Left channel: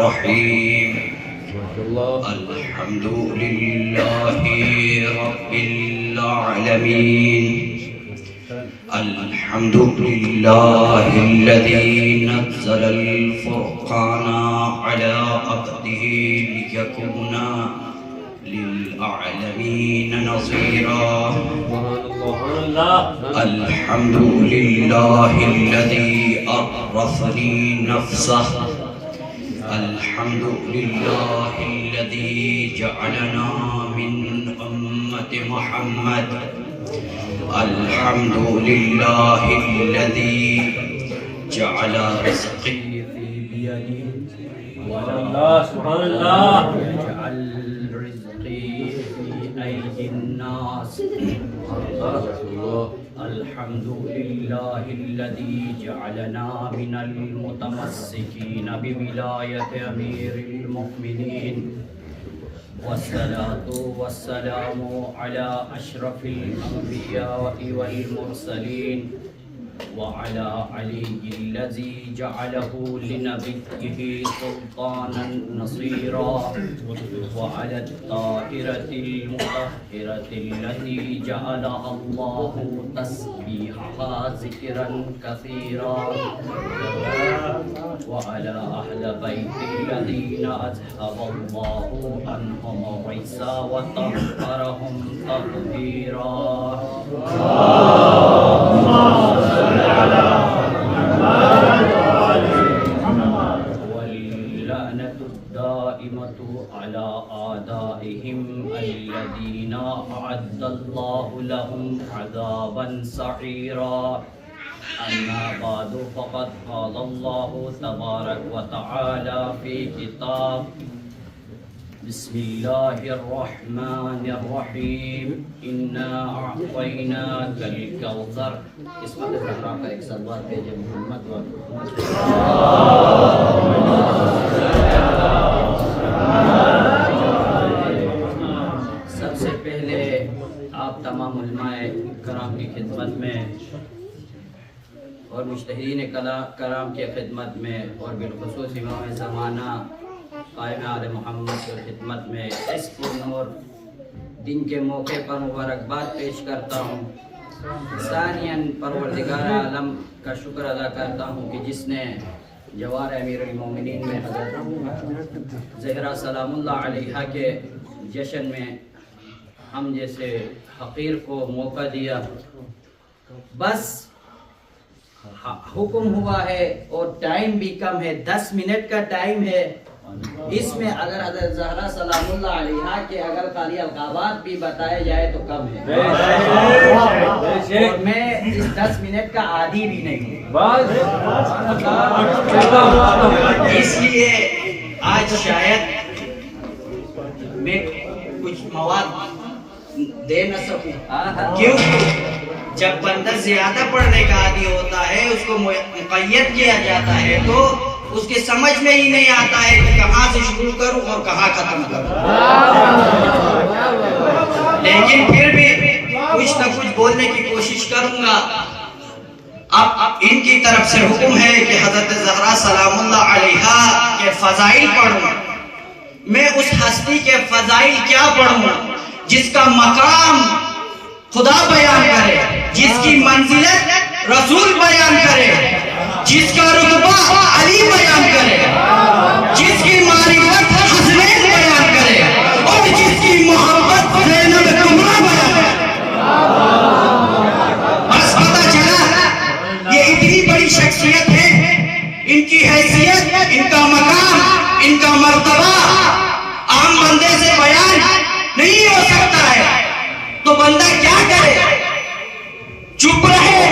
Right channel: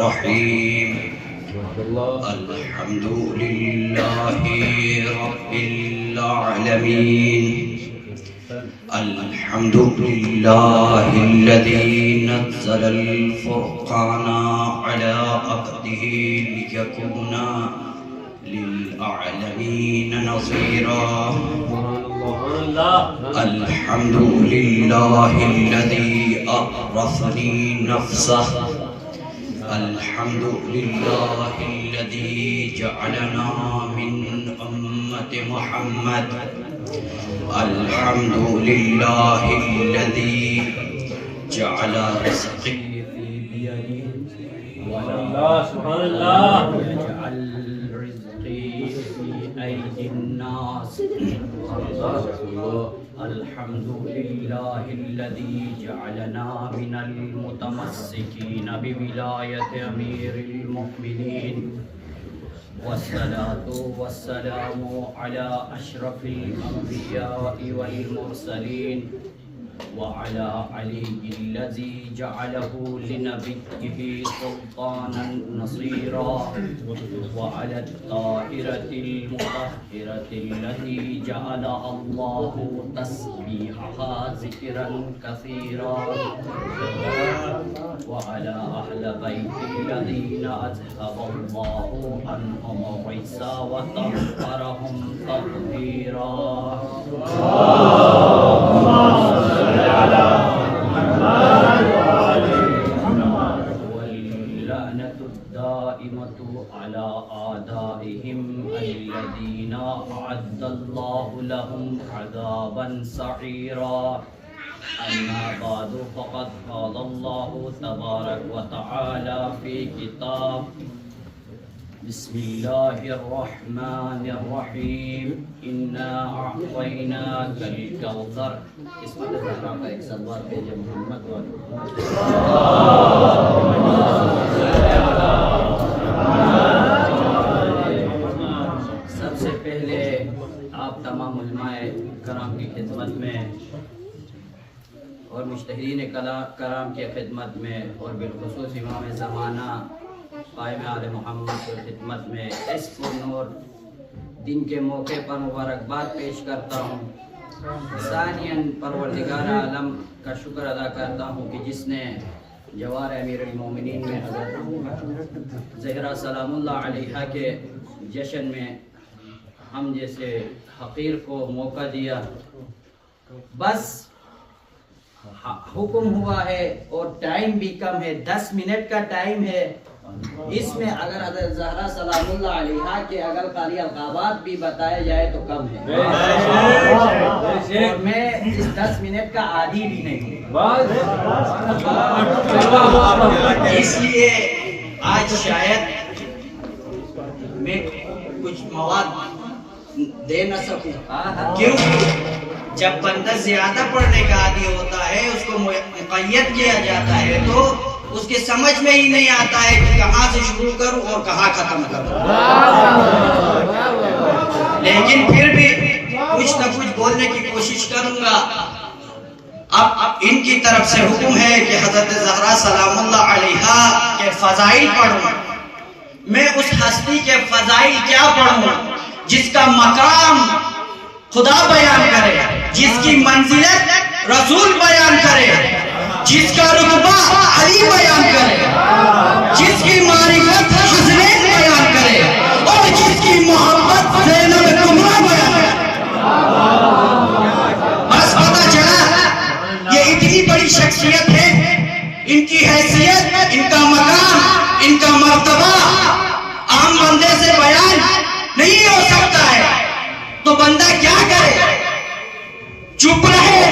الرحيم الحمد لله رب العالمين الحمد لله الذي نزل الفرقان على عبده ليكون للعالمين نصيرا الحمد لله الذي أورثني نفسه الحمد لله الذي جعلنا من أمة محمد الحمد لله الذي جعل رزقي في بيدي سبحان الله يجعل رزقي في أيدي الناس الحمد لله الذي جعلنا من المتمسكين بولاية أمير المؤمنين والصلاة والسلام على أشرف الأنبياء والمرسلين وعلى علي الذي جعله لنبيه سلطانا نصيرا وعلى الطاهرة المطهرة التي جعلها الله تسبيحها ذكرا كثيرا وعلى أهل بيت الذين أذهب الله عنهم الرجس وطهرهم تطهيرا واللعنة الدائمة على أعدائهم الذين أعد الله لهم عذابا سعيرا أما بعد فقد قال الله تبارك وتعالى في كتاب بسم الله الرحمن الرحيم إنا أعطيناك الكوثر قسمت زہرا کا ایک سلوات بھیجے محمد و سب سے پہلے آپ تمام علماء کرام کی خدمت میں اور مجتہدین کرام کی خدمت میں اور بالخصوص امام زمانہ قائم آل محمد کی خدمت میں اس پرنور دن کے موقع پر مبارکباد پیش کرتا ہوں. ثانیاً پروردگار عالم کا شکر ادا کرتا ہوں کہ جس نے جوار امیر المومنین میں حضرت زہرا سلام اللہ علیہا کے جشن میں ہم جیسے حقیر کو موقع دیا. بس حکم ہوا ہے اور ٹائم بھی کم ہے, 10 منٹ کا ٹائم ہے. اس میں اگر حضرت زہرا سلام اللہ علیہا کے اگر خالی القابات بھی بتائے جائے تو کم ہے, اور میں اس 10 منٹ کا عادی بھی نہیں ہوں. اس لیے آج شاید میں کچھ مواد دے نہ سکوں, کیونکہ جب بندہ زیادہ پڑھنے کا عادی ہوتا ہے, اس کو مقید کیا جاتا ہے, تو اس کے سمجھ میں ہی نہیں آتا ہے کہ کہاں سے شروع کروں اور کہاں ختم کروں. لیکن پھر بھی کچھ نہ کچھ بولنے کی کوشش کروں گا. اب ان کی طرف سے حکم ہے کہ حضرت زہرا سلام اللہ علیہا کے فضائل پڑھوں. میں اس ہستی کے فضائل کیا پڑھوں جس کا مقام خدا بیان کرے, جس کی منزلت رسول بیان کرے, جس کا رتبہ علی بیان کرے, جس کی معرفت حسنین بیان کرے, اور جس کی محبت زینب کبریٰ بیان کرے. بس پتہ چلا یہ اتنی بڑی شخصیت ہے, ان کی حیثیت, ان کا مقام, ان کا مرتبہ عام بندے سے بیان نہیں ہو سکتا ہے. تو بندہ کیا کرے, چپ رہے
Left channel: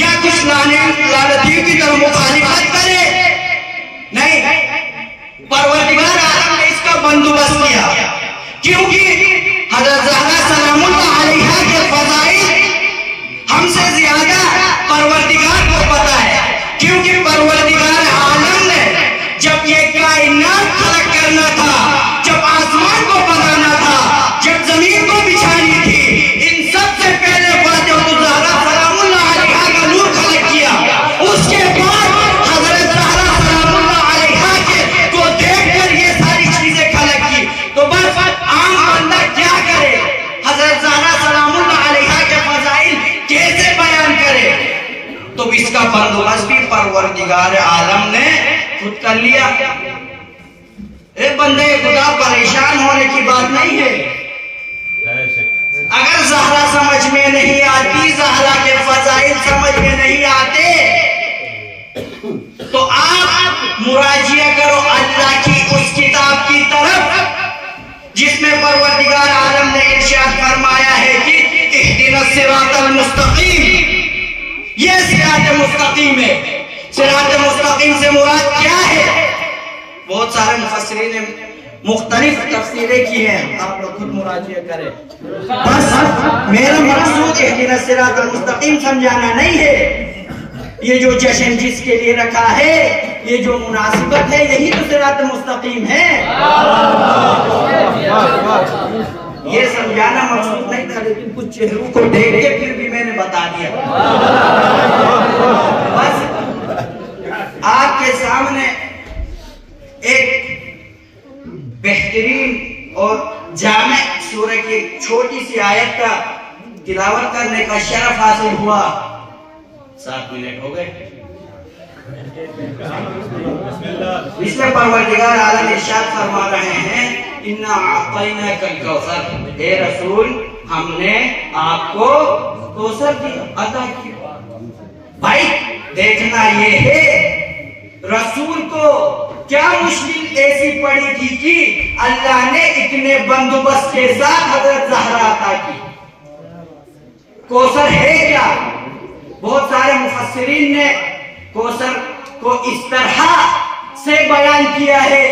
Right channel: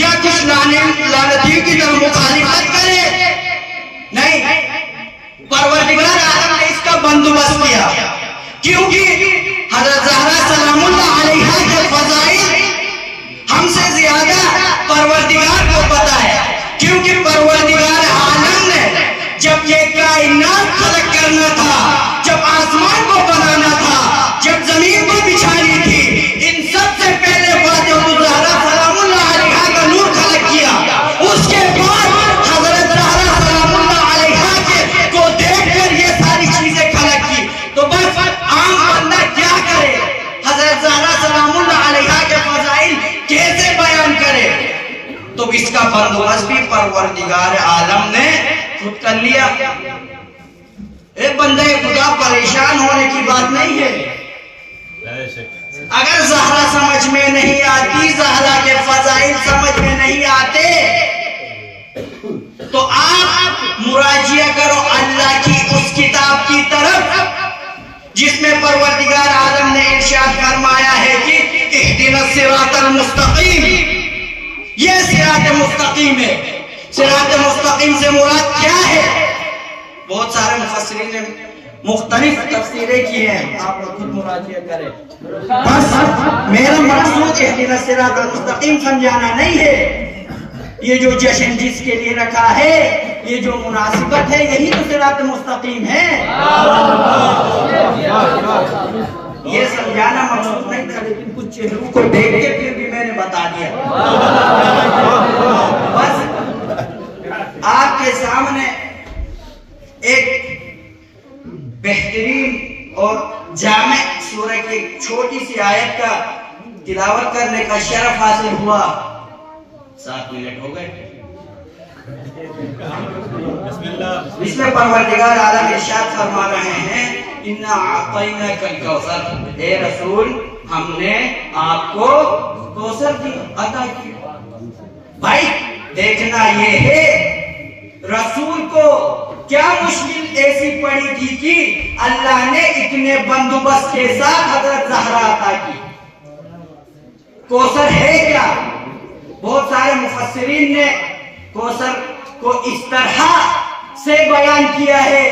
یا کچھ لعنتیوں کی طرح مخالفت کرے؟ نہیں, پروردگار عالم نے اس کا بندوبست کیا, کیونکہ حضرت زہرا سلام اللہ علیہا کے فضائل ہم سے زیادہ پروردگار کو پتا ہے, کیونکہ پروردگار عالم نے جب یہ کائنات خلق کرنا تھا, جب آسمان کو بنانا تھا, جب زمین کو بچھانی تھی, ان سب سے پہلے فاتح زہرا سلام اللہ علیہا کا نور خلق کیا. اس کے بعد حضرت زہرا سلام اللہ علیہا بھی پروردگار عالم نے خود کر لیا۔ ایک بندے خدا پریشان ہونے کی بات نہیں ہے۔ اگر زہرا سمجھ میں نہیں آتی، زہرا کے فضائل سمجھ میں نہیں آتے، تو آپ مراجعہ کرو اللہ کی اس کتاب کی طرف جس میں پروردگار عالم نے ارشاد فرمایا ہے کہ اہدنا الصراط المستقیم۔ یہ صراط مستقیم ہے۔ صراط مستقیم سے مراد کیا ہے؟ بہت سارے مفسرین نے مختلف تفسیریں کی ہیں، آپ لوگ خود مراجعہ کریں۔ بس میرا مقصود اہدنا الصراط المستقیم سمجھانا نہیں ہے۔ یہ جو جشن جس کے لیے رکھا ہے، یہ جو مناسبت ہے، یہی تو صراط مستقیم ہے۔ یہ سمجھانا مقصود نہیں تھا، لیکن کچھ چہروں کو دیکھ کے پھر بھی میں نے بتا دیا۔ بس آپ کے سامنے ایک بہترین اور جامع سورہ کی ایک چھوٹی سی آیت کا تلاوت کرنے کا شرف حاصل ہوا۔ 7 منٹ ہو گئے۔ اس میں پروردگار عالم ارشاد فرما رہے ہیں اِنَّا أَعْطَيْنَاكَ الْكَوْثَرَ، اے رسول ہم نے آپ کو کوثر عطا کیا۔ بھائی دیکھنا یہ ہے رسول کو کیا مشکل ایسی پڑی تھی کہ اللہ نے اتنے بندوبست کے ساتھ حضرت زہرا عطا کی۔ کوثر ہے کیا؟ بہت سارے مفسرین نے کوثر کو اس طرح سے بیان کیا ہے،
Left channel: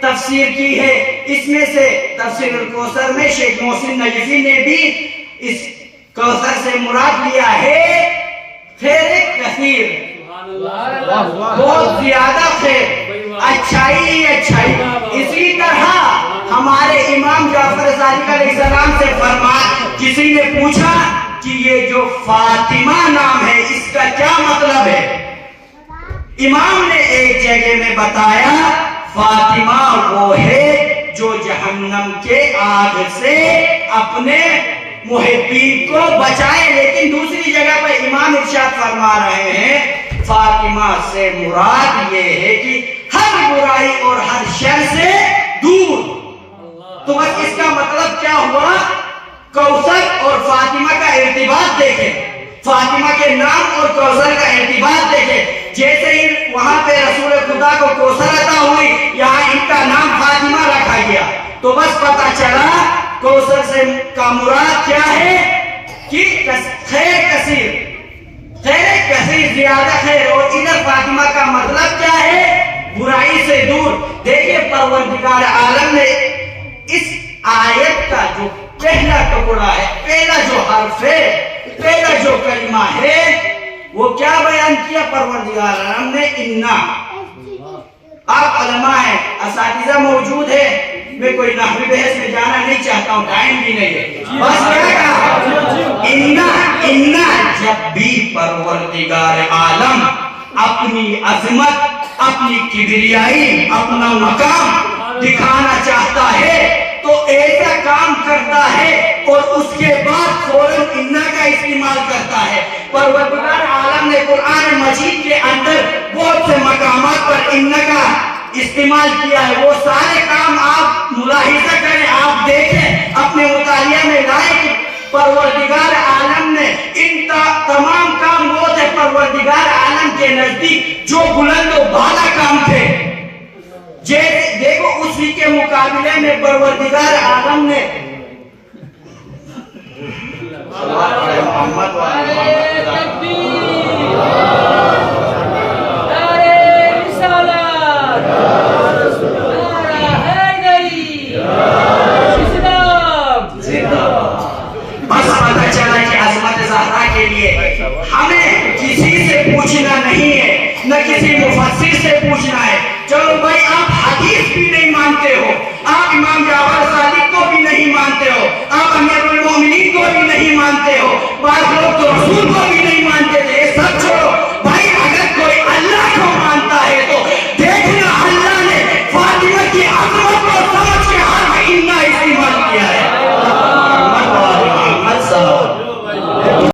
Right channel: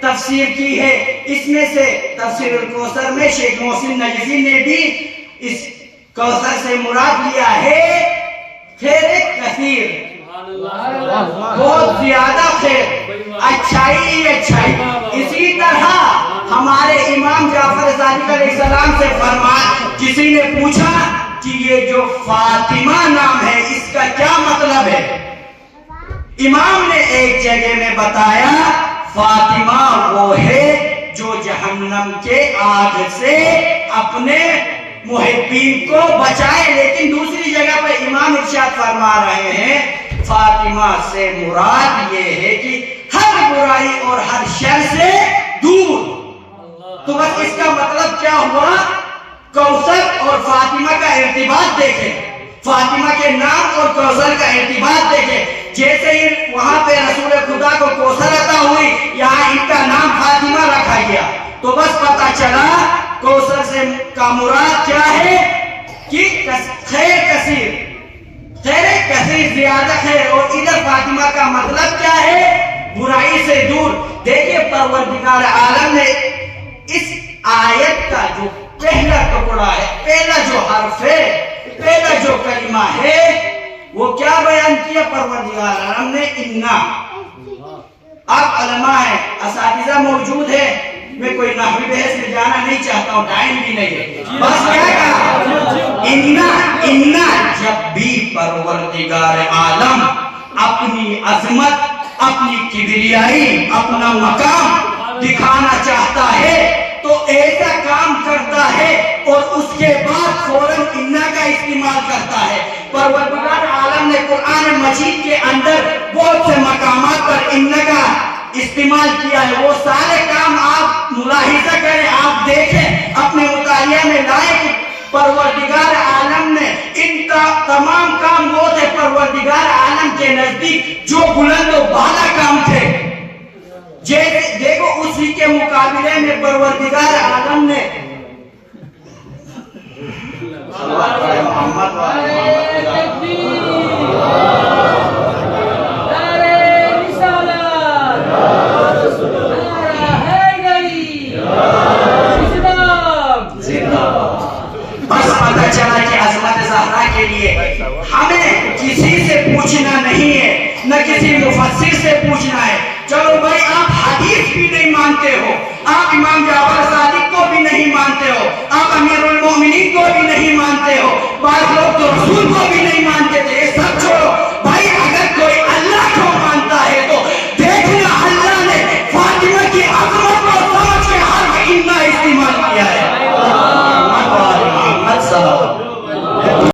تفسیر کی ہے۔ اس میں سے تفسیر الکوثر میں شیخ محسن نجفی نے بھی اس کوثر سے مراد لیا ہے خیر کثیر، بہت زیادہ خیر، اچھائی اچھائی۔ اسی طرح ہمارے امام جعفر صادق علیہ السلام سے فرمایا، کسی نے پوچھا کہ یہ جو فاطمہ نام ہے اس کا کیا مطلب ہے؟ امام نے ایک جگہ میں بتایا فاطمہ وہ ہے جو جہنم کے آگ سے اپنے محبین کو بچائے۔ لیکن دوسری جگہ پر امام ارشاد فرما رہے ہیں فاطمہ سے مراد یہ ہے کہ ہر برائی اور ہر شر سے دور۔ تو بس اس کا مطلب کیا ہوا؟ کوثر اور فاطمہ کا ارتباط دیکھیں، فاطمہ کے نام اور کوثر کا ارتباط دیکھیں۔ جیسے ہی وہاں پہ رسول خدا کو کوثر عطا ہوئی، یہاں ان کا نام فاطمہ رکھا گیا، تو بس پتا چلا کوثر سے کا مراد کیا ہے کہ خیر کثیر، خیر کثیر، زیادہ خیر، اور ادھر فاطمہ کا مطلب کیا ہے؟ برائی سے دور۔ دیکھیں پروردگار عالم نے اس آیت کا جو پہلا ٹکڑا ہے، پہلا جو حرف ہے، پہلا جو کلمہ ہے، وہ کیا بیان کیا پروردگار عالم نے؟ اِنَّا۔ آپ علماء ہیں، اساتذہ موجود ہیں، میں کوئی نحوی بحث میں جانا نہیں چاہتا ہوں، ٹائم بھی نہیں ہے، بس کیا کہا؟ اِنَّا جب بھی پروردگار عالم اپنی عظمت، اپنی کبریائی، اپنا مقام دکھانا چاہتا ہے تو ایسا کام کرتا ہے اور اس کے بعد فوراً اِنَّا کا استعمال کرتا ہے۔ پروردگار عالم نے قرآن مجید کے اندر بہت سے مقامات پر اِنَّا کا استعمال کیا ہے۔ وہ سارے کام آپ ملاحظہ کریں، آپ دیکھیں، اپنے مطالعہ میں لائیں کہ پروردگار عالم نے ان تمام کام وہ تھے پروردگار عالم کے نزدیک جو بلند و بالا کام تھے۔ دیکھو اسی کے مقابلے میں پروردگار عالم نے محمد بس پتہ چلا کہ عظمت زہرا کے لیے ہمیں کسی سے پوچھنا نہیں ہے، نہ کسی مفسر سے پوچھنا ہے۔ چلو بھائی آپ حدیث بھی نہیں مانتے ہو، آپ امام جعفر صادق کو بھی نہیں مانتے ہو، آپ امیر المومنین کو بھی نہیں مانتے ہو، بعض لوگ تو رسول کو بھی نہیں مانتے تھے، سب چھوڑو،